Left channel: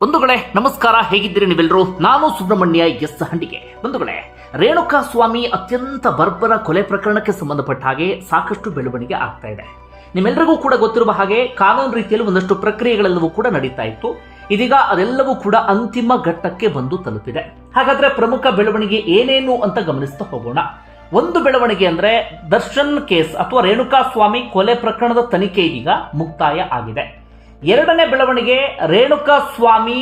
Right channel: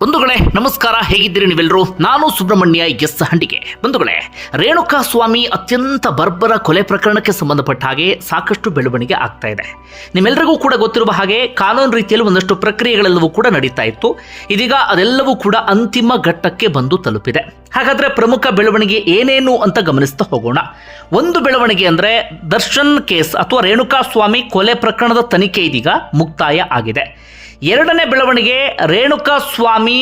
ಬಂಧುಗಳೇ ನಮಸ್ಕಾರ, ಹೇಗಿದ್ದೀರಿ ನೀವೆಲ್ಲರೂ? ನಾನು ಸುಬ್ರಹ್ಮಣ್ಯ ಎಸ್ ಹಂಡಿಗೆ. ಬಂಧುಗಳೇ, ರೇಣುಕಾ ಸ್ವಾಮಿ ಅತ್ಯಂತ ಬರ್ಬರ ಕೊಲೆ ಪ್ರಕರಣಕ್ಕೆ ಸಂಬಂಧಪಟ್ಟ ಹಾಗೆ ಸಾಕಷ್ಟು ಬೆಳವಣಿಗೆ ಆಗ್ತಾ ಇದೆ. ನಿಮ್ಮೆಲ್ಲರಿಗೂ ಕೂಡ ಗೊತ್ತಿರುವ ಹಾಗೆ ಕಾನೂನು ರೀತಿಯಲ್ಲಿ ಒಂದಷ್ಟು ಪ್ರಕ್ರಿಯೆಗಳೆಲ್ಲವೂ ಕೂಡ ನಡೀತಾ ಇತ್ತು. ಇದೀಗ ಅದೆಲ್ಲವೂ ಕೂಡ ಅಂತಿಮ ಘಟ್ಟಕ್ಕೆ ಬಂದು ತಲುಪಿದೆ. ಹಾಗಾದ್ರೆ ಪ್ರಮುಖ ಬೆಳವಣಿಗೆ ಏನೇನು ಅಂತ ಗಮನಿಸ್ತಾ ಹೋಗೋಣ. ಒಂದು ಬೆಳವಣಿಗೆ ಅಂದ್ರೆ ದರ್ಶನ್ ಕೇಸ್ ಅಥವಾ ರೇಣುಕಾ ಸ್ವಾಮಿ ಕೊಲೆ ಪ್ರಕರಣದ ತನಿಖೆ ಇದೀಗ ಮುಕ್ತಾಯ ಆಗಿದೆ. ಎರಡನೇ ಬೆಳವಣಿಗೆ, ರೇಣುಕಾ ಸ್ವಾಮಿ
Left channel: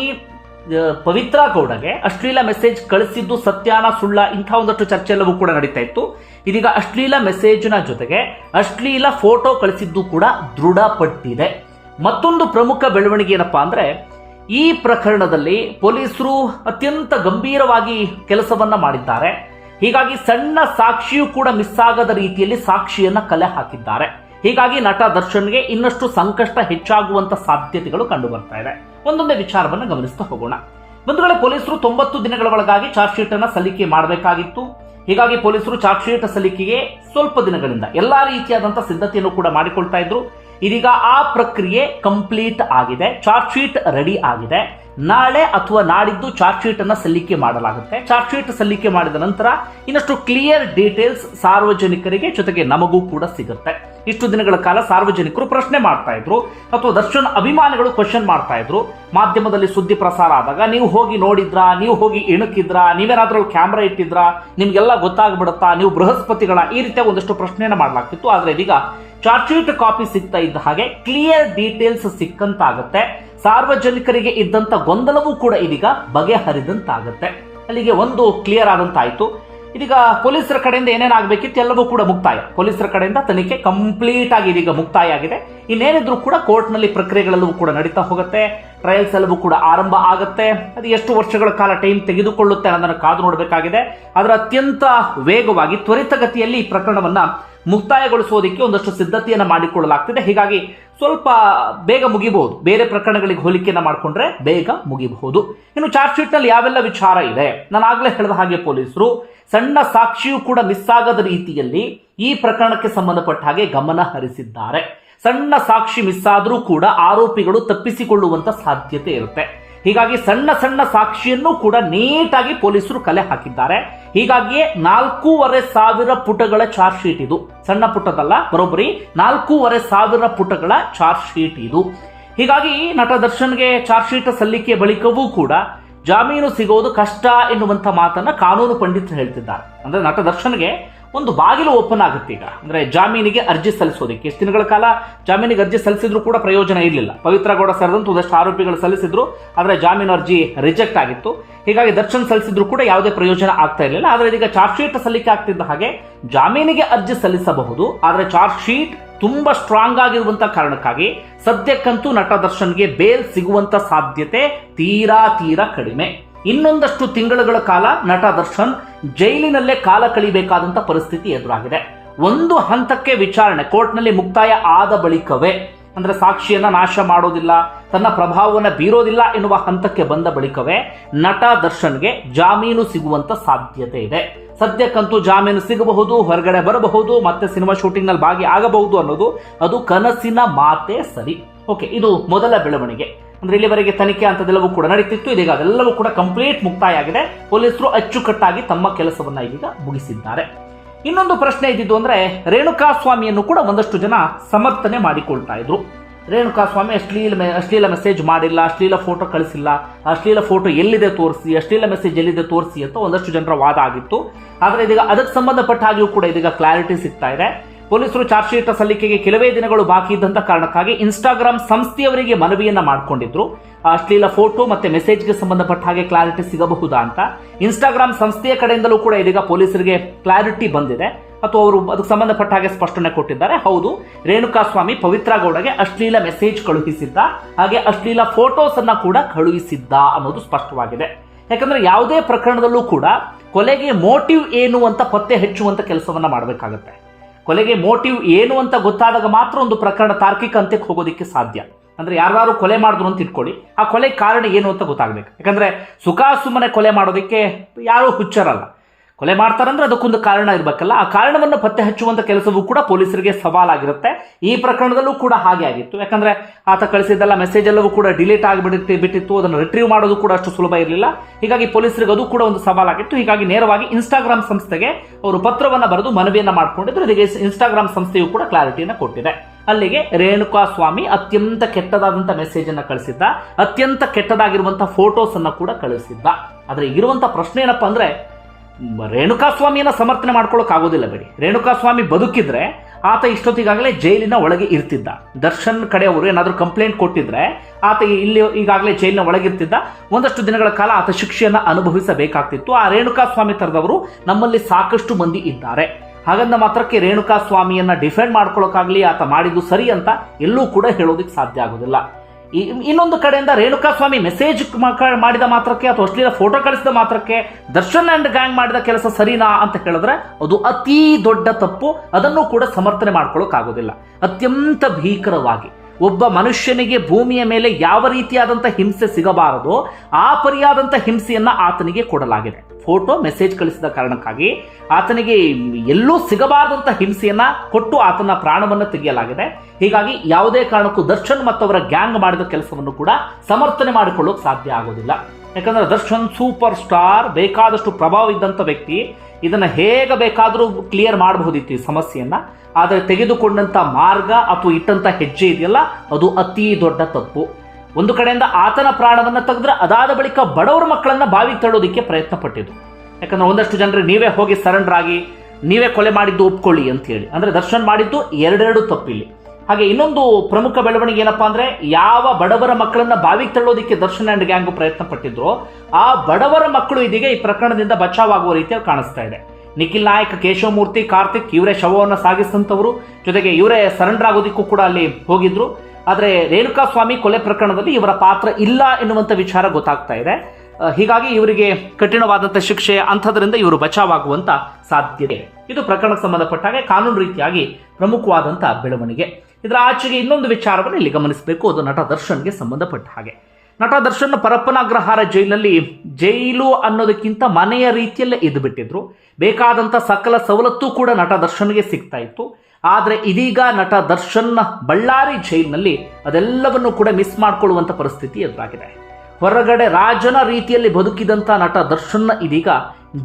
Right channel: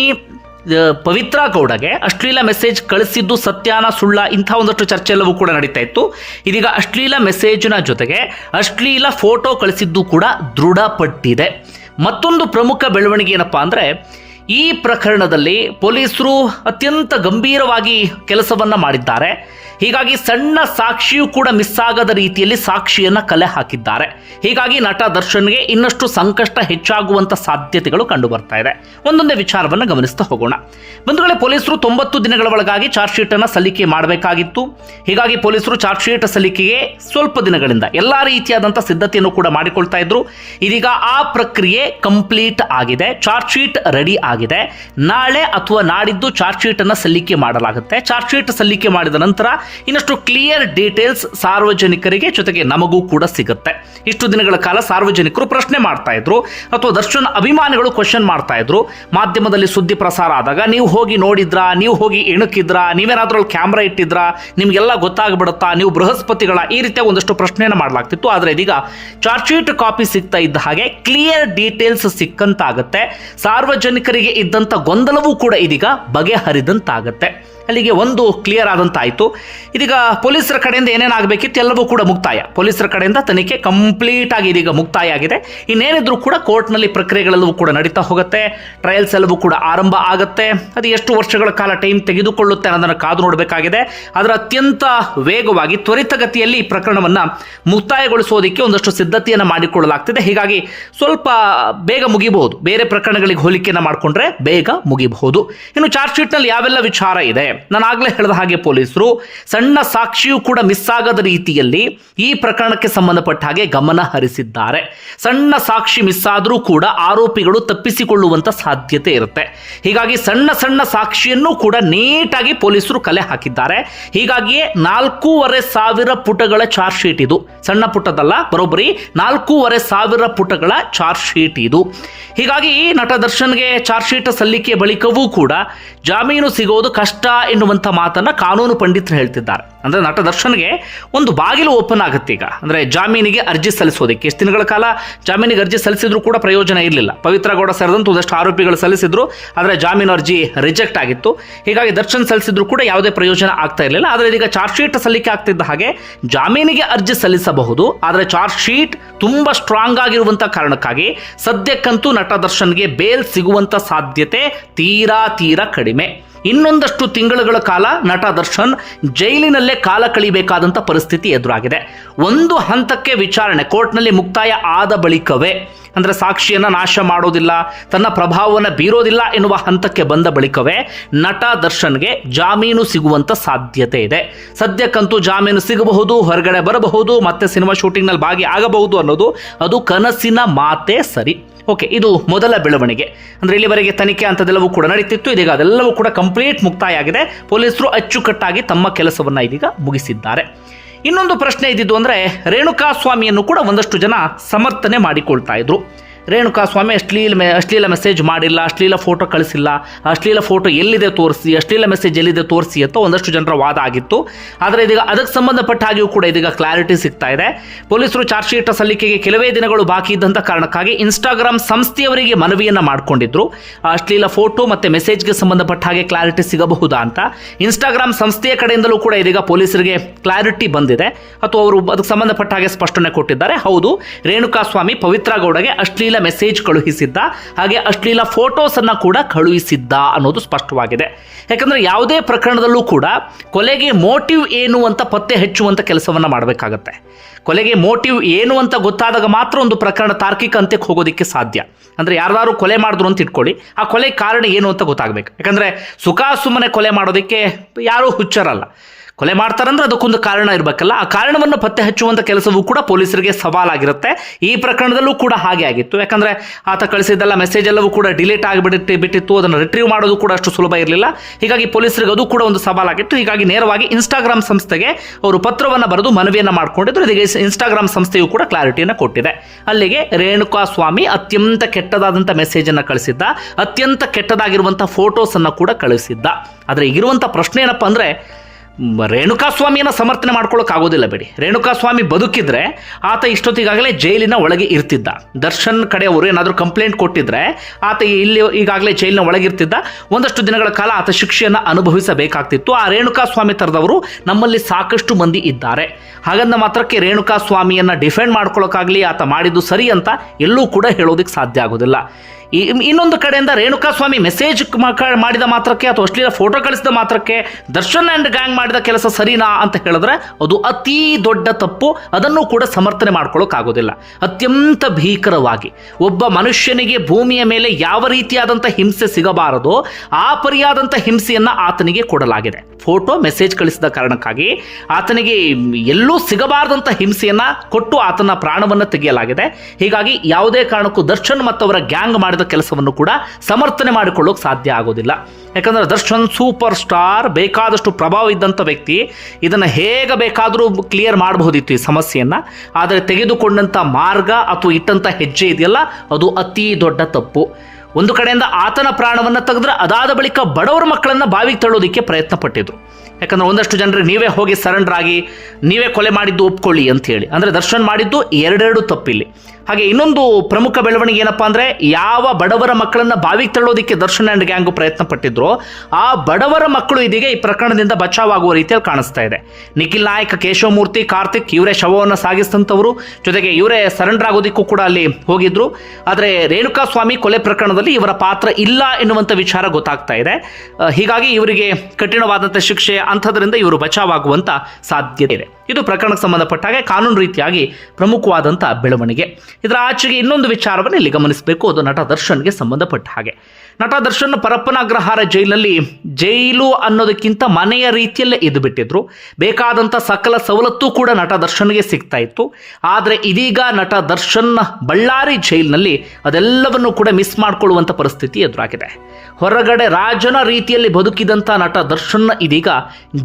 ಪವಿತ್ರ ಗೌಡಗೆ ಅಶ್ಲೀಲ ಮೆಸೇಜ್ ಕಳಿಸಿದ್ದು ಸತ್ಯಾನ ಸುಳ್ಳ ಇಂಥ ಒಂದಷ್ಟು ಚರ್ಚೆ ಎಲ್ಲವೂ ಕೂಡ ನಡೀತಾ ಇತ್ತು. ಇದೀಗ ಅಶ್ಲೀಲ ಮೆಸೇಜ್ನ ಜೊತೆಗೆ ಅಶ್ಲೀಲ ಫೋಟೋ ಕಳಿಸಿದ್ದು ಕೂಡ ದೃಢಪಟ್ಟಿದೆ. ಮತ್ತೊಂದು ಪ್ರಮುಖ ಬೆಳವಣಿಗೆ ಏನಪ್ಪಾ ಅಂದರೆ, ಈ ಪ್ರಕರಣದಲ್ಲಿ ಪೊಲೀಸರು ಅತ್ಯಂತ ಗಂಭೀರವಾಗಿ ಕೆಲಸವನ್ನ ಮಾಡಿದ್ದಾರೆ. ಹೀಗಾಗಿ ಸಣ್ಣ ಸಾಕ್ಷಿಯೂ ಕೂಡ ಮಿಸ್ ಆಗದ ರೀತಿಯಲ್ಲಿ ಸಾಕ್ಷಿಯನ್ನು ಕಲೆ ಹಾಕಿದ್ದಾರೆ. ಹೀಗಾಗಿ ನಟ ದರ್ಶನ್ಗೆ ಇನ್ನಷ್ಟು ಸಂಕಷ್ಟ ಹೆಚ್ಚಾಗುವಂಥ ಸಾಧ್ಯತೆಗಳು ಕಂಡು ಬರ್ತಾ ಇದೆ. ಒಂದೊಂದೇ ವಿಚಾರವನ್ನು ಗಮನಿಸ್ತಾ ಹೋಗೋಣ. ಬಂಧುಗಳೇ, ಪೊಲೀಸರು 90 ದಿನಗಳ ಒಳಗಾಗಿ ಚಾರ್ಜ್ ಶೀಟನ್ನು ಸಲ್ಲಿಕೆ ಮಾಡಬೇಕಾಗಿತ್ತು. ಹೀಗಾಗಿ ಪೊಲೀಸರು ಚಾರ್ಜ್ ಶೀಟ್ ಸಲ್ಲಿಕೆಗೆ ಸ್ವಲ್ಪ ದಿನಗಳಿಂದ ಎಲ್ಲ ರೀತಿಯಾದಂಥ ಸಿದ್ಧತೆಯನ್ನು ಕೂಡ ಮಾಡಿಕೊಳ್ತಾ ಇದ್ರು. ಇದೀಗ ಆ ಪ್ರಕ್ರಿಯೆ ಕಂಪ್ಲೀಟ್ ಆಗಿದೆ. ಚಾರ್ಜ್ ಶೀಟ್ ರೆಡಿ ಆಗಿದೆ. ನಾಳೆ ಅಥವಾ ನಾಡಿದ್ದು ಚಾರ್ಜ್ ಶೀಟ್ ಅನ್ನು ಸಲ್ಲಿಕೆ ಮಾಡಲಾಗುತ್ತೆ. ಚಾರ್ಜ್ ಶೀಟ್ ಸಲ್ಲಿಕೆ ಮಾಡಿದ ನಂತರ ಇನ್ನಷ್ಟು ಕ್ಲಿಯರ್ ಡೀಟೇಲ್ಸ್ ಸಾರ್ವಜನಿಕರಿಗೆ ಜೊತೆಗೆ ನಮಗೂ ಕೂಡ ಸಿಗುತ್ತೆ. ಇಷ್ಟು ದಿನಗಳ ಕಾಲ ಸಾರ್ವಜನಿಕರು ಪ್ರಶ್ನೆ ಮಾಡ್ತಾ ಇದ್ರು ಅಥವಾ ದರ್ಶನ್ ಅಭಿಮಾನಿಗಳು ಕ್ವಶನ್ ಮಾಡ್ತಾ ಇದ್ರು. ಮಾಧ್ಯಮದಲ್ಲಿ ಸುದ್ದಿ ಪ್ರಸಾರ ಆದಾಗ ನೀವು ಹೋಗಿ ನೋಡಿದ್ರಾ, ನೀವು ಹೋಗಿ ಇಣುಕಿದ್ರಾ, ನೀವೇನಾದ್ರೂ ಕ್ಯಾಮ್ರಾ ಇಟ್ಟಿದ್ರಾ, ನಿಮ್ಗೆಲ್ಲ ಗೊತ್ತಾಗ್ಬಿಡುತ್ತಾ, ನೀವು ಬೃಹಸ್ಪತಿಗಳ, ಈ ರೀತಿಯ ಒಂದಷ್ಟು ಪ್ರಶ್ನೆಯನ್ನು ಮಾಡಲಾಗ್ತಿತ್ತು. ಆದರೆ ಇದೀಗ ಚಾರ್ಜ್ ಶೀಟ್ ಕಾಪಿ ಸಿಗ್ತಾ ಇದ್ದ ಹಾಗೆ ಕ್ಲಿಯರ್ ಡೀಟೇಲ್ಸ್ ಸಿಕ್ಕಂತಾಗುತ್ತೆ. ಸಾರ್ವಜನಿಕರಿಗೆ ಇದ್ದಂಥ ಗೊಂದಲವೂ ಕೂಡ ಇದೀಗ ಬಗೆಹರಿದಂತಾಗುತ್ತೆ. ಅಲ್ಲಿಗೆ ಒಂದು ಕ್ಲಿಯರ್ ಆದಂತಾಯಿತು. ಇದೀಗ ಪೊಲೀಸರ ಕಡೆಯಿಂದ ಏನೇನಾಗಬೇಕಿತ್ತು ಎಲ್ಲವೂ ಕೂಡ ಮುಕ್ತಾಯ. ಪೊಲೀಸರ ಕಡೆಯಿಂದ ತನಿಖೆ ಕಂಪ್ಲೀಟ್ ಆಗಿ ಇದೀಗ ಮುಕ್ತಾಯ ಆಗಿದೆ. ಇನ್ನೇನಿದ್ರು ಕೂಡ ಕೋರ್ಟ್ನಲ್ಲಿ ಪ್ರಕ್ರಿಯೆಗಳೆಲ್ಲವೂ ಕೂಡ ನಡೀತಾ ಹೋಗುತ್ತೆ. ಟ್ರಯಲ್ಸ್ ಎಲ್ಲವೂ ಕೂಡ ಆರಂಭ ಆಗುತ್ತೆ. ಅದು ಎಷ್ಟು ವರ್ಷಗಳ ಕಾಲ ಟೈಮ್ ತೆಗೆದುಕೊಳ್ಳುತ್ತೆ ಅನ್ನೋದನ್ನು ಕಾದು ನೋಡಬೇಕಾಗಿದೆ. ಅದರ ಅತ್ಯಂತ ವೇಗವಾಗಿ ತ್ವರಿತಗತಿಯಲ್ಲಿ ಈ ಪ್ರಕರಣವನ್ನು ಮುಕ್ತಾಯಗೊಳಿಸೋದಕ್ಕೆ ಒಂದಷ್ಟು ಸಿದ್ಧತೆಯನ್ನು ಮಾಡಿಕೊಳ್ಳಲಾಗ್ತಿದೆ. ಹೀಗಾಗಿ ಸ್ವಲ್ಪ ಬೇಗ ಮುಗಿಬಹುದು. ಬೇರೆ ಪ್ರಕರಣಗಳಿಗೆ ಹೋಲಿಕೆಯನ್ನು ಮಾಡಿಕೊಂಡ್ರೆ ಬೇಗ ಮುಗಿಬಹುದು. ಇನ್ನು ಚಾರ್ಜ್ ಶೀಟ್ನಲ್ಲಿ ಯಾವೆಲ್ಲ ವಿಚಾರ ಇದೆ, ನಾನು ಆಗಲೇ ಹೇಳಿದ ಹಾಗೆ ಪೊಲೀಸರು ಸಣ್ಣ ಸಾಕ್ಷಿಯೂ ಕೂಡ ಮಿಸ್ ಆಗದ ರೀತಿಯಲ್ಲಿ ಈ ಪ್ರಕರಣಕ್ಕೆ ಸಂಬಂಧಪಟ್ಟ ಹಾಗೆ ಗಮನ ಹರಿಸಿದ್ದಾರೆ. ಸಣ್ಣ ಸಾಕ್ಷಿ ಮಿಸ್ ಆದರೂ ಕೂಡ ಆರೋಪಿಗಳು ತಪ್ಪಿಸಿಕೊಳ್ಳುವಂತ ಸಾಧ್ಯತೆ ಇರುತ್ತೆ. ಹೀಗಾಗಿ ಸಣ್ಣ ಸಣ್ಣ ಸಾಕ್ಷಿಯನ್ನು ಕೂಡ ನೀಟಾಗಿ ಪೊಲೀಸರು ಕಲೆ ಹಾಕಿದ್ದಾರೆ. ಹೀಗಾಗಿಯೇ 4,500 ಪುಟಗಳ ಚಾರ್ಜ್ ಶೀಟ್ ಇದು. ಸಣ್ಣ ಪುಟದಲ್ಲ, ಬರೋಬ್ಬರಿ 4,500 ಪುಟಗಳ ಚಾರ್ಜ್ ಶೀಟ್ ಇದು. ಹೀಗಾಗಿ ನಟ ದರ್ಶನ್ಗೆ ಚಾರ್ಜ್ ಶೀಟ್ ಸಲ್ಲಿಕೆ ಬಳಿಕವೂ ಕೂಡ ಜಾಮೀನು ಸಿಗೋದು ಕಷ್ಟ ಎನ್ನುವಂಥ ಮಾತನ್ನು ಕಾನೂನು ಪಂಡಿತರು ಹೇಳ್ತಿದ್ದಾರೆ. ಅಂದರೆ ನಟ ದರ್ಶನ್ಗೆ ಒಂದು ಬಾಗಿಲು ಓಪನ್ ಆಗುತ್ತೆ ಈಗ. ಅಂದರೆ ಜಾಮೀನಿಗೆ ಅರ್ಜಿ ಸಲ್ಲಿಸೋದಕ್ಕೆ ಎಷ್ಟು ದಿನಗಳ ಕಾಲ ಜಾಮೀನಿಗೆ ಅರ್ಜಿ ಸಲ್ಲಿಸಿದ್ರು ಕೂಡ ಪ್ರಯೋಜನ ಇರಲಿಲ್ಲ. ಪವಿತ್ರ ಗೌಡ ಸೇರಿದಂತೆ ಒಂದಷ್ಟು ಆರೋಪಿಗಳು ಸಲ್ಲಿಸಿದ್ರು, ಆದರೆ ಜಾಮೀನು ಅರ್ಜಿ ರಿಜೆಕ್ಟ್ ಆಗಿತ್ತು. ಹೀಗಾಗಿ ದರ್ಶನ್ ಸಲ್ಲಿಸಿದ್ರು ಕೂಡ ಯಾವುದೇ ಪ್ರಯೋಜನ ಆಗ್ತಾ ಇರಲಿಲ್ಲ. ಆದರೆ ಈಗ ಚಾರ್ಜ್ ಶೀಟ್ ಸಲ್ಲಿಕೆ ಆಗ್ತಿದ್ದ ಹಾಗೆ ಜಾಮೀನಿಗೆ ಅರ್ಜಿ ಸಲ್ಲಿಸಬಹುದು. ಆದರೆ ಚಾರ್ಜ್ ಶೀಟ್ ತುಂಬಾ ಸ್ಟ್ರಾಂಗ್ ಆಗಿರುವಂಥ ಕಾರಣಕ್ಕಾಗಿ ಸದ್ಯಕ್ಕಂತೂ ನಟ ದರ್ಶನ್ಗೆ ಬೇಲ್ ಸಿಗುವಂತ ಸಾಧ್ಯತೆ ತೀರಾ ಕಡಿಮೆ. ಇನ್ನೊಂದಷ್ಟು ತಿಂಗಳುಗಳ ಕಾಲ ನಟ ದರ್ಶನ್ ಜೈಲಿನಲ್ಲೇ ಕಾಲ ಕಳಿಬೇಕಾದಂಥ ಪರಿಸ್ಥಿತಿ ಎದುರಾಗಿದೆ. ಒಂದು ಹಂತಕ್ಕೆ ವಿಚಾರಣೆ ಕೋರ್ಟ್ನಲ್ಲಿ ಮುಕ್ತಾಯ ಆದ ಬಳಿಕವೇ, ಅಂದರೆ ಸಾಕ್ಷಿಯನ್ನು ನಾಶ ಮಾಡೋದಿಲ್ಲ, ತನ್ನ ಪ್ರಭಾವವನ್ನು ಬೀರೋದಿಲ್ಲ ಎನ್ನುವ ಹಂತಕ್ಕೆ ಬಂದ ಬಳಿಕವೇ ನಟ ದರ್ಶನ್ಗೆ ಜಾಮೀನು ಸಿಗುವಂಥ ಸಾಧ್ಯತೆ ಇದೆ. ಸದ್ಯಕ್ಕಂತೂ ಜಾಮೀನು ಸಿಗಬಹುದು, ಹೊರಗಡೆ ಬರಬಹುದು, ಮತ್ತೆ ಸಿನಿಮಾ ಶೂಟಿಂಗ್ನಲ್ಲಿ ಭಾಗಿ ಆಗಬಹುದು ಅನ್ನೋದು ಅದು ಕನಸಿನ ಮಾತೇ ಸರಿ. ಓಕೆ, ಇದು ಮೊದಲ ಬೆಳವಣಿಗೆ. ಅಂದರೆ ಇಲ್ಲಿವರೆಗೆ ತನಿಖೆ ಅಂತದೆಲ್ಲವೂ ಕೂಡ ನಡೀತಿತ್ತು. ಇದೀಗ ಅದೆಲ್ಲವೂ ಕೂಡ ಕಂಪ್ಲೀಟ್ ಮುಕ್ತಾಯ ಆಗಿದೆ. ಪೊಲೀಸರು ಅಚ್ಚುಕಟ್ಟಾಗಿ ತಮ್ಮ ಕೆಲಸವನ್ನು ಇದೀಗ ಮುಗಿಸಿದ್ದಾರೆ. ಇನ್ನೊಂದು ಪ್ರಶ್ನೆ ಇದ್ದಿದ್ದು ಅಂದರೆ, ರೇಣುಕಾ ಸ್ವಾಮಿಯನ್ನು ಕೂಡ ಒಂದಷ್ಟು ಜನ ಸಮರ್ಥನೆ ಮಾಡಿಕೊಳ್ತಾ ಇದ್ರು. ರೇಣುಕಾ ಸ್ವಾಮಿ ಅಶ್ಲೀಲ ಮೆಸೇಜ್ ಮಾಡಿಲ್ಲ, ಅಶ್ಲೀಲ ಫೋಟೋ ಕಳಿಸಿಲ್ಲ, ಅಶ್ಲೀಲ ಫೋಟೋ ಎಲ್ಲಿದೆ ತೋರಿಸಿ, ಅಶ್ಲೀಲ ಮೆಸೇಜ್ ಎಲ್ಲಿದೆ ತೋರಿಸಿ ಅಂತ ಒಂದಷ್ಟು ಜನರ ವಾದ ಆಗಿತ್ತು. ಆದರೆ ಇದೀಗ ಅದಕ್ಕೆ ಸಂಬಂಧಪಟ್ಟ ಹಾಗೆಯೂ ಕೂಡ ಇದೀಗ ಕ್ಲಾರಿಟಿ ಸಿಗ್ತಾ ಇದೆ. ಪೊಲೀಸರು ಚಾರ್ಜ್ ಶೀಟ್ ಸಲ್ಲಿಕೆಗೆ ಕೆಲವೇ ದಿನಗಳು ಬಾಕಿ ಇದ್ದಂಥ ಕಾರಣಕ್ಕಾಗಿ ಇನ್ಸ್ಟಾಗ್ರಾಮ್ ಸಂಸ್ಥೆಯವರಿಗೆ ಮನವಿಯನ್ನು ಮಾಡಿಕೊಂಡಿದ್ರು. ಅಶ್ಲೀಲ ಫೋಟೋ ಮತ್ತು ಮೆಸೇಜ್ಗೆ ಸಂಬಂಧಪಟ್ಟ ಹಾಗೆ ಕ್ಲಾರಿಟಿ ಸಿಗಬಹುದಾ ಅಂತ. ಇನ್ಸ್ಟಾಗ್ರಾಮ್ ಸಂಸ್ಥೆಯ ಕಡೆಯಿಂದಲೂ ಕೂಡ ಇದೀಗ ಪೊಲೀಸರಿಗೆ ಕ್ಲಾರಿಟಿ ಬಂದಿದೆ ಅಥವಾ ಅವರು ಅದಕ್ಕೆ ಸಂಬಂಧಪಟ್ಟ ಹಾಗೆ ಸ್ಪಷ್ಟನೆ ಕೊಟ್ಟಿದ್ದಾರೆ. ಹೌದು, ರೇಣುಕಾ ಸ್ವಾಮಿ ಪವಿತ್ರ ಗೌಡಗೆ ಅಶ್ಲೀಲ ಮೆಸೇಜ್ ಕಳುಹಿಸಿದ್ದ, ಹಾಗೆ ಅಶ್ಲೀಲ ಫೋಟೋಸ್ ಅನ್ನ ಕೂಡ ಕಳುಹಿಸಿದ್ದ ಅನ್ನೋದು ಸ್ಪಷ್ಟವಾಗಿದೆ. ಯಾಕಂದ್ರೆ ಯಾವುದೇ ಪ್ರಕರಣದಲ್ಲೂ ಕೂಡ ಕೊಲೆಗೆ ಮೋಟಿವ್ ಏನು ಅಂತ ಪತ್ತೆ ಹಚ್ಚುವಂತ ಕೆಲಸವನ್ನ ಮಾಡಬೇಕಾಗತ್ತೆ. ಕೊಲೆಗೆ ಮೋಟಿವ್ ಏನು ಅಂತ ಗೊತ್ತಾದಾಗ ಮಾತ್ರ ಒಂದು ಪ್ರಕರಣ ತಾರ್ಕಿಕ ಅಂತ್ಯಕ್ಕೆ ಹೋಗೋದಕ್ಕೆ ಸಾಧ್ಯ. ಅಂದರೆ ಯಾರು ಕೊಲೆ ಮಾಡಿದ್ರು ಅಂತ ಇಟ್ಕೊಳ್ಳಿ, ಆ ಕೊಲೆ ಕಾರಣ ಏನು ಅಂತ ಗೊತ್ತಾಗಬೇಕು. ಯಾಕಂದರೆ ಸುಖಾಸುಮ್ಮನೆ ಕೊಲೆ ಮಾಡೋದಕ್ಕೆ ಯಾರೂ ಹುಚ್ಚರಲ್ಲ. ಕೊಲೆ ಮಾಡ್ತಾರಂದ್ರೆ ಅದಕ್ಕೊಂದು ಕಾರಣ ಇರಬೇಕಲ್ಲ, ಆ ಕಾರಣವನ್ನು ಪತ್ತೆ ಹಚ್ಚುವಂಥ ಕೆಲಸವೂ ಕೂಡ ಪೊಲೀಸರಿಗೆ ಸವಾಲಾಗಿರುತ್ತೆ. ಈ ಪ್ರಕರಣದಲ್ಲೂ ಕೂಡ ಹಾಗೆ ಆಗಿತ್ತು. ಯಾಕಂದರೆ ಆತ ಕಳಿಸಿದ್ದೆಲ್ಲ ಮೆಸೇಜ್ ಎಲ್ಲವೂ ಕೂಡ ಡಿಲೀಟ್ ಆಗಿಬಿಟ್ಟಿತ್ತು, ಅದನ್ನು ರಿಟ್ರೀವ್ ಮಾಡೋದು ಕೂಡ ಅಷ್ಟು ಸುಲಭ ಇರಲಿಲ್ಲ. ಹೀಗಾಗಿ ಪೊಲೀಸರಿಗೆ ಅದು ಕೂಡ ಒಂದು ಸವಾಲಾಗಿತ್ತು. ಹೀಗಾಗಿ ನೇರವಾಗಿ ಇನ್ಸ್ಟಾಗ್ರಾಮ್ ಸಂಸ್ಥೆಗೆ ಅವರು ಪತ್ರವನ್ನು ಬರೆದು ಮನವಿಯನ್ನು ಮಾಡಿಕೊಂಡಿದ್ರು. ಇದೀಗ ಇನ್ಸ್ಟಾಗ್ರಾಮ್ ಸಂಸ್ಥೆಯು ಕೂಡ ಕ್ಲಾರಿಟಿಯನ್ನು ಕೊಟ್ಟಿದೆ. ಅಲ್ಲಿಗೆ ರೇಣುಕಾ ಸ್ವಾಮಿ ಅತ್ಯಂತ ಕೆಟ್ಟದಾದಂಥ ಮೆಸೇಜನ್ನು ಕಳಿಸಿದ್ದ, ಅತ್ಯಂತ ಕೆಟ್ಟದಾಗಿರುವಂಥ ಫೋಟೋಸನ್ನು ಕೂಡ ಕಳಿಸಿದ್ದ. ಆದರೆ ಈಗಿರುವಂಥ ಪ್ರಶ್ನೆ ಏನಪ್ಪ ಅಂದರೆ, ರೇಣುಕಾ ಸ್ವಾಮಿಯನ್ನು ಸಮರ್ಥನೆ ಮಾಡ್ಕೊಳ್ಳೋಕ್ಕಾಗೋದಿಲ್ಲ ಬಿಡಿ. ರೇಣುಕಾ ಸ್ವಾಮಿ ಬದುಕಿದ್ರೆ ಆತ ಇಷ್ಟೊತ್ತಿಗಾಗಲೇ ಜೈಲಿನ ಒಳಗೆ ಇರ್ತಿದ್ದ. ದರ್ಶನ್ ಕಡೆಯವರು ಏನಾದರೂ ಕಂಪ್ಲೇಂಟ್ ಕೊಟ್ಟಿದ್ರೆ ಆತ ಇಲ್ಲಿ ಈಗಾಗಲೇ ಜೈಲಿನ ಒಳಗಿರ್ತಿದ್ದ. ಒಂದಷ್ಟು ದಿನಗಳ ಕಾಲ ಆತ ಶಿಕ್ಷೆಯನ್ನು ಅನುಭವಿಸಬೇಕಾಗ್ತಿತ್ತು. ಆ ರೇಣುಕಾ ಸ್ವಾಮಿ ಥರದವರು ನಮ್ಮಲ್ಲಿ ಸಾಕಷ್ಟು ಮಂದಿ ಇದ್ದಾರೆ. ಹಾಗಂದ ಮಾತ್ರಕ್ಕೆ ರೇಣುಕಾ ಸ್ವಾಮಿಯನ್ನು ಡಿಫೆಂಡ್ ಮಾಡ್ಕೊಳ್ಳೋಕ್ಕಾಗಲಿ, ಆತ ಮಾಡಿದ್ದು ಸರಿ ಅಂತ ಎಲ್ಲೂ ಕೂಡ ಹೇಳೋದಕ್ಕೆ ಸಾಧ್ಯ ಆಗೋದಿಲ್ಲ. ಇನ್ನೊಂದು ಕಡೆಯಿಂದ ರೇಣುಕಾ ಸ್ವಾಮಿ ಮೆಸೇಜ್ ಮಾಡಿದ ಮಾತ್ರಕ್ಕೆ ಅಥವಾ ಅಶ್ಲೀಲ ಫೋಟೋ ಕಳಿಸಿದ ಮಾತ್ರಕ್ಕೆ ದರ್ಶನ್ ಆ್ಯಂಡ್ ಗ್ಯಾಂಗ್ ಮಾಡಿದ ಕೆಲಸ ಸರಿನಾ ಅಂತ ಹೇಳಿದ್ರೆ ಅದು ಅತೀ ದೊಡ್ಡ ತಪ್ಪು. ಅದನ್ನು ಕೂಡ ಸಮರ್ಥನೆ ಮಾಡ್ಕೊಳ್ಳೋಕ್ಕಾಗೋದಿಲ್ಲ. ಅತ್ಯಂತ ಭೀಕರವಾಗಿ ಒಬ್ಬ ಮನುಷ್ಯನಿಗೆ ಭೂಮಿಯ ಮೇಲೆ ಯಾವ ರೀತಿಯಾದಂಥ ಹಿಂಸೆ ಸಿಗಬಾರದೋ ಆ ಪರಿಯಾದಂಥ ಹಿಂಸೆಯನ್ನು ಆತನಿಗೆ ಕೊಡಲಾಗಿದೆ. ಫೋಟೋ ಮೆಸೇಜ್ ಕಳಿಸಿದ ಕಾರಣಕ್ಕಾಗಿ ಆತನಿಗೆ ಎಲ್ಲೂ ಸಿಗಬಾರದಂಥ ಹಿಂಸೆಯನ್ನು ಕೊಟ್ಟು ಆತನ ಪ್ರಾಣವನ್ನು ತೆಗೆಯಲಾಗಿದೆ. ಹೀಗಾಗಿ ಯಾವುದೇ ಕಾರಣಕ್ಕೂ ದರ್ಶನ್ ಮತ್ತವರ ಗ್ಯಾಂಗ್ ಮಾಡಿದ ಕೆಲಸವನ್ನು ಕೂಡ ಸಮರ್ಥನೆ ಮಾಡಿಕೊಳ್ಳೋಕೆ ಸಾಧ್ಯ ಆಗೋದಿಲ್ಲ. ಯಾಕಂದರೆ ದರ್ಶನ್ ಸೂಪರ್ ಸ್ಟಾರ್, ಬೇಕಾದಷ್ಟು ಪ್ರಭಾವ ಇದ್ದಂಥ ವ್ಯಕ್ತಿ. ಇದನ್ನು ಹೇಗೆ ಬೇಕಾದರೂ ಕ್ಲಿಯರ್ ಮಾಡಬಹುದಿತ್ತು ಈ ಸಮಸ್ಯೆಯನ್ನು. ಆದರೆ ತೆಗೆದುಕೊಂಡಂಥ ಮಾರ್ಗ ಅಥವಾ ಇಟ್ಟಂಥ ಹೆಜ್ಜೆ ಇದೆಯಲ್ಲ, ಅದು ಅತಿ ದೊಡ್ಡ ತಪ್ಪು. ಒಂದು ಕಡೆಯಿಂದ ಆತನ ಪ್ರಾಣವನ್ನು ತೆಗೆದ್ರೆ ಅದಾದ ಬಳಿಕ ಬಡವರ ಮಕ್ಕಳನ್ನು ಬಾವಿಗೆ ತಳ್ಳೋದಕ್ಕೆ ಪ್ರಯತ್ನ ಪಟ್ಟಿದ್ರು. ಯಾಕಂದರೆ ಒಂದಷ್ಟು ಜನರಿಗೆ ನೀವೇ ಹೋಗಿ ಸರೆಂಡರ್ ಆಗಿ ನೀವೇ ಕೊಲೆ ಮಾಡಿದ್ದು ಒಪ್ಕೊಳ್ಳಿ ಅಂತ ಹೇಳಿ. ಅಂದರೆ ದರ್ಶನ್ ಮಾಡಿದ್ದು ಎರಡೆರಡು ತಪ್ಪಿಲ್ಲಿ. ಹಾಗೆ ಇನ್ನೊಂದು ಪ್ರಮುಖ ಬೆಳವಣಿಗೆ ಏನಪ್ಪ ಅಂದರೆ, ಯಾವ ಬಡವರ ಮಕ್ಕಳನ್ನು ಬಾವಿಗೆ ತಳ್ಳೋದಕ್ಕೆ ದರ್ಶನ್ ಆ್ಯಂಡ್ ಗ್ಯಾಂಗು ಪ್ರಯತ್ನ ಪಟ್ಟಿದ್ರು ಆ ಬಡವರ ಮಕ್ಕಳು ಇದೀಗ ಈ ಪ್ರಕರಣದಿಂದ ಬಚಾವಾಗುವ ರೀತಿಯಲ್ಲಿ ಕಾಣಿಸ್ತಾ ಇದೆ. ನಿಖಿಲ್ ನಾಯಕ್, ಕೇಶವಮೂರ್ತಿ, ಕಾರ್ತಿಕ್ ಇವರೇ ಶವವನ್ನು ಸಾಗಿಸಿದಂಥವರು, ಜೊತೆಗೆ ಇವರೇ ಸರೆಂಡರ್ ಆಗೋದಕ್ಕೂ ಕೂಡ ಅಲ್ಲಿ ಹೋಗಿದ್ರು. ಆದರೆ ರೇಣುಕಾ ಸ್ವಾಮಿ ಕೊಲೆ ಪ್ರಕರಣದಲ್ಲಿ ಇವರ ಪಾತ್ರ ಇಲ್ಲ ಎನ್ನುವಂಥ ವಿಚಾರ ಗೊತ್ತಾಗ್ತಾ ಇದೆ. ಹೀಗಾಗಿ ಇವರಿಗೆ ಕಠಿಣವಾದಂಥ ಶಿಕ್ಷೆ, ಅಂಥದ್ರಿಂದ ಇವರು ಬಚಾವಾಗುವಂಥ ಸಾಧ್ಯತೆ ಇದೆ. ಇದು ಪ್ರಕರಣಕ್ಕೆ ಸಂಬಂಧಪಟ್ಟ ಹಾಗೆ ಕಾನೂನು ರೀತಿಯಾಗಿ ಪ್ರಮುಖವಾದಂಥ ಬೆಳವಣಿಗೆ. ಇದರ ಆಚೆಗೆ ಇನ್ನೊಂದು ವಿಚಾರವನ್ನು ಇಲ್ಲಿ ಗಮನಿಸಬೇಕು. ಅದು ನಟ ದರ್ಶನ್ಗೆ ಸಂಬಂಧಪಟ್ಟ ಹಾಗೆ. ನಟ ದರ್ಶನ್ ಪರಪ್ಪನ ಅಗ್ರಹಾರ ಜೈಲಿನಲ್ಲಿ ಜೈಲು ಅನ್ನೋದಕ್ಕಿಂತ ಮನೆಯ ರೀತಿಯಲ್ಲೇ ಇದ್ದು ಬಿಟ್ಟಿದ್ರು. ಬೇಕಾದಂಥ ಸಕಲ ಸವಲತ್ತು ಕೂಡ ನಟ ದರ್ಶನ್ಗೆ ಸಿಗ್ತಾ ಇತ್ತು. ಆದರೆ ಇದೀಗ ನಟ ದರ್ಶನ್ ಬಳ್ಳಾರಿ ಜೈಲಿನಲ್ಲಿ ಅದೆಲ್ಲವನ್ನು ಕೂಡ ಮಿಸ್ ಮಾಡಿಕೊಳ್ಳುವಂಥ ಪರಿಸ್ಥಿತಿ ಎದುರಾಗಿದೆ. ಹೊರಗಡೆ ರಾಜನ ರೀತಿಯಲ್ಲಿ ಬದುಕಿದಂಥ ನಟ ದರ್ಶನ್ ಇದೀಗ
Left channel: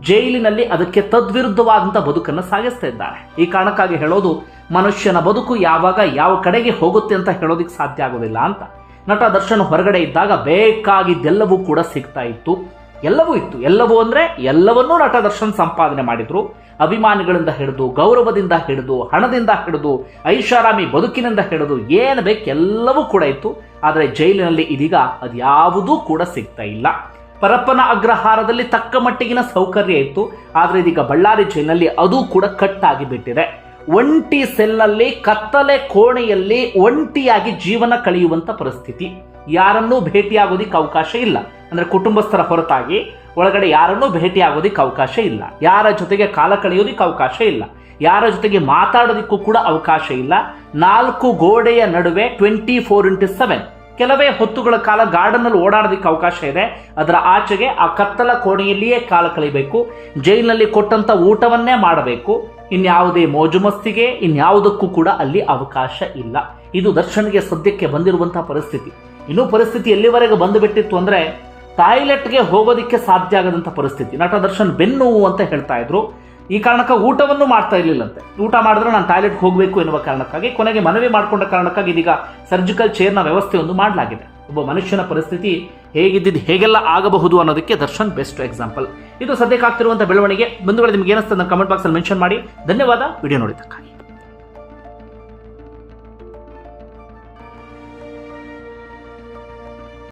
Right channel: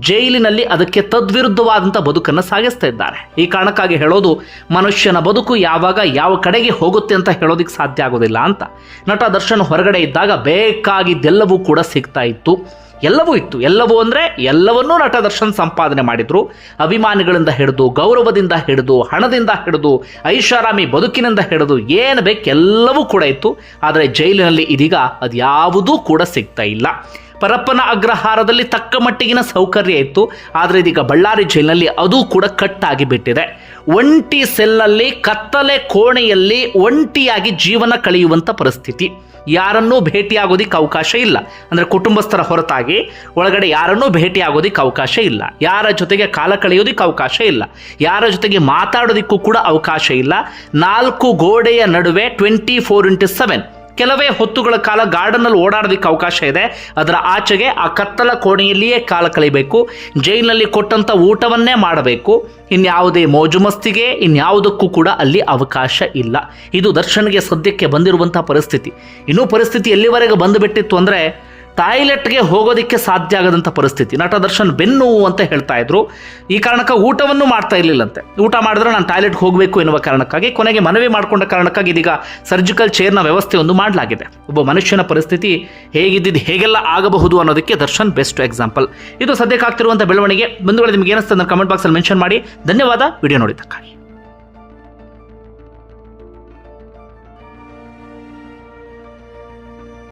ಜೈಲಿನಲ್ಲಿ ಅದಕ್ಕೆ ತದ್ವಿರುದ್ಧವಾದಂಥ ಬದುಕನ್ನು ಸಾಗಿಸ್ತಾ ಇದ್ದಾರೆ. ಈ ಕಾರಣಕ್ಕಾಗಿ ಹೇಳೋದು, ಮನುಷ್ಯನ ಬದುಕು ಯಾವಾಗ ಯಾವ ಕಡೆಗೆ ಹೋಗುತ್ತೆ ಅಂತ ಹೇಳೋದಕ್ಕೆ ಸಾಧ್ಯ ಆಗೋದಿಲ್ಲ ಅಂತ. ನಟ ದರ್ಶನ್ ಹೊರಗಡೆ ಇದ್ದಾಗ ಬೇಕಾಗಿದ್ದೆಲ್ಲವೂ ಕೂಡ ಸಿಗ್ತಾ ಇತ್ತು. ಎಲ್ಲವೂ ಇತ್ತು. ಎಲ್ಲವೂ ಅಂದರೆ ಎಲ್ಲವನ್ನೂ ನಟ ದರ್ಶನ್ ಸಂಪಾದನೆ ಮಾಡಿದ್ರು. ಅಭಿಮಾನಿಗಳಿಂದ ಹಿಡಿದು, ಗೌರವದಿಂದ ಹಿಡಿದು, ಹಣದಿಂದ ಹಿಡಿದು, ಐಷಾರಾಮಿ ಬದುಕಿನಿಂದ ಹಿಡಿದು ಏನು ಬೇಕೆಲ್ಲವೂ ಕೂಡ ಇತ್ತು. ಆದರೆ ಜೈಲಿನಲ್ಲಿ ಇದೀಗ ಅದ್ಯಾವುದೂ ಕೂಡ ಸಿಗ್ತಾ ಇಲ್ಲ. ಪರಪ್ಪನ ಅಗ್ರಹಾರದಲ್ಲಿ ತಕ್ಕ ಮಟ್ಟಿಗಿನ ಸೌಕರ್ಯ ಇತ್ತು. ಆದರೆ ಇದೀಗ ಬಳ್ಳಾರಿ ಜೈಲಿನಲ್ಲಿ ಅದು ಕೂಡ ಕಟ್ಟಾಗಿ ಬಿಟ್ಟಿದೆ. ಒಂಟಿ ಸೆಲ್ಲಲ್ಲಿ, ಕತ್ತಲೆ ಕೋಣೆಯಲ್ಲಿ ಒಂಟಿಯಾಗಿ ಜೀವನ ಕಳೆಯುವಂಥ ಪರಿಸ್ಥಿತಿ. ಯಾರನ್ನೂ ಭೇಟಿಯಾಗೋದಿಕ್ಕೆ ಅವಕಾಶ ಇಲ್ಲ. ಅಂದರೆ ಕುಟುಂಬಸ್ಥರ ಹೊರತಾಗಿ ಒಳಗಡೆ ಯಾರನ್ನೂ ಭೇಟಿಯಾಗೋದಿಕ್ಕೆ ಅವಕಾಶ ಇಲ್ಲ. ಯಾರ ಜೊತೆಗೆ ಕಾಲ ಕಳೆಯೋದಿಕ್ಕೆ ಅವಕಾಶ ಇಲ್ಲ. ಯಾರ ಜೊತೆಗೆ ಮಾತಾಡೋದಕ್ಕೂ ಕೂಡ ಅವಕಾಶ ಇಲ್ಲ. 4 ಗೋಡೆಯ ನಡುವೆ 24x7 ಕೆಲವೇ ಹೊತ್ತುಗಳ ಕಾಲ ಗಾರ್ಡನ್ನಲ್ಲಿ ಓಡಾಡೋದಕ್ಕೆ ಅವಕಾಶ ಇದೆ. ಅದರ ಆಚೆಗೆ ಆ ಕತ್ತಲ ಕೋಣೆಯಲ್ಲಿಯೇ ಕಾಲ ಕಳೆಯಬೇಕು. ಜೈಲಿನಲ್ಲಿ ಕೊಟ್ಟಂಥ ಊಟವನ್ನೇ ಮಾಡಬೇಕು. ಇನ್ಯಾವುದೇ ಮೋಜು ಮಸ್ತಿಗೆ ಇನ್ಯಾವುದಕ್ಕೂ ಕೂಡ ಅಲ್ಲಿ ಅವಕಾಶ ಇಲ್ಲ. ಇದು ದರ್ಶನ್ಗೆ ಸದ್ಯಕ್ಕೆ ಬಂದಿರುವಂಥ ಪರಿಸ್ಥಿತಿ. ಇನ್ನೂ ಪರಿಸ್ಥಿತಿ ಎಲ್ಲಿವರೆಗೆ ಬಂದುಬಿಟ್ಟಿತ್ತು ಅಂದರೆ, ಟಾಯ್ಲೆಟ್ಗೆ ಹೋಗೋದಕ್ಕೆ ಸಾಧ್ಯ ಆಗದಂಥ ಪರಿಸ್ಥಿತಿ. ನಟ ದರ್ಶನ್ ಬೆನ್ನು ಅಂತ ಹೇಳ್ತಾ ಇದ್ರು. ಈ ಕಾರಣಕ್ಕೆ ಊಟವನ್ನು ಮಾಡ್ತಾ ಇರಲಿಲ್ಲಂತೆ. ಊಟ ಮಾಡಿದ್ರೆ ನಾನು ಟಾಯ್ಲೆಟ್ಗೆ ಹೋಗಬೇಕು ಎನ್ನುವ ಕಾರಣಕ್ಕಾಗಿ ಕೊನೆಗೆ ಮನವಿ ಮಾಡಿಕೊಂಡ ಕಾರಣಕ್ಕಾಗಿ ಇದೀಗ ಸರ್ಜಿಕಲ್ ಚೇರ್ನ ವ್ಯವಸ್ಥೆಯೊಂದು ಮಾಡಲಾಗಿದೆ. ಒಬ್ಬ ಮನುಷ್ಯನ ಪರಿಸ್ಥಿತಿ ಹೇಗಿದ್ದು ಹೇಗೆಲ್ಲ ಆಗಬಹುದು ಅನ್ನೋದಕ್ಕೆ ದರ್ಶನ್ ಬೆಸ್ಟ್ ಎಕ್ಸಾಂಪಲ್. ಇದು ಸದ್ಯಕ್ಕೆ ಆಗ್ತಿರುವಂಥ ಬೆಳವಣಿಗೆ. ಬಂಧುಗಳೇ, ನಿಮ್ಗೆ ಏನಿಸ್ತದೆ ಕಮೆಂಟ್ ಬಾಕ್ಸಲ್ಲಿ ಮೆನ್ಷನ್ ಮಾಡಿ. ಧನ್ಯವಾದ ವಿಡಿಯೋ ನೋಡಿದ್ದಕ್ಕಾಗಿ.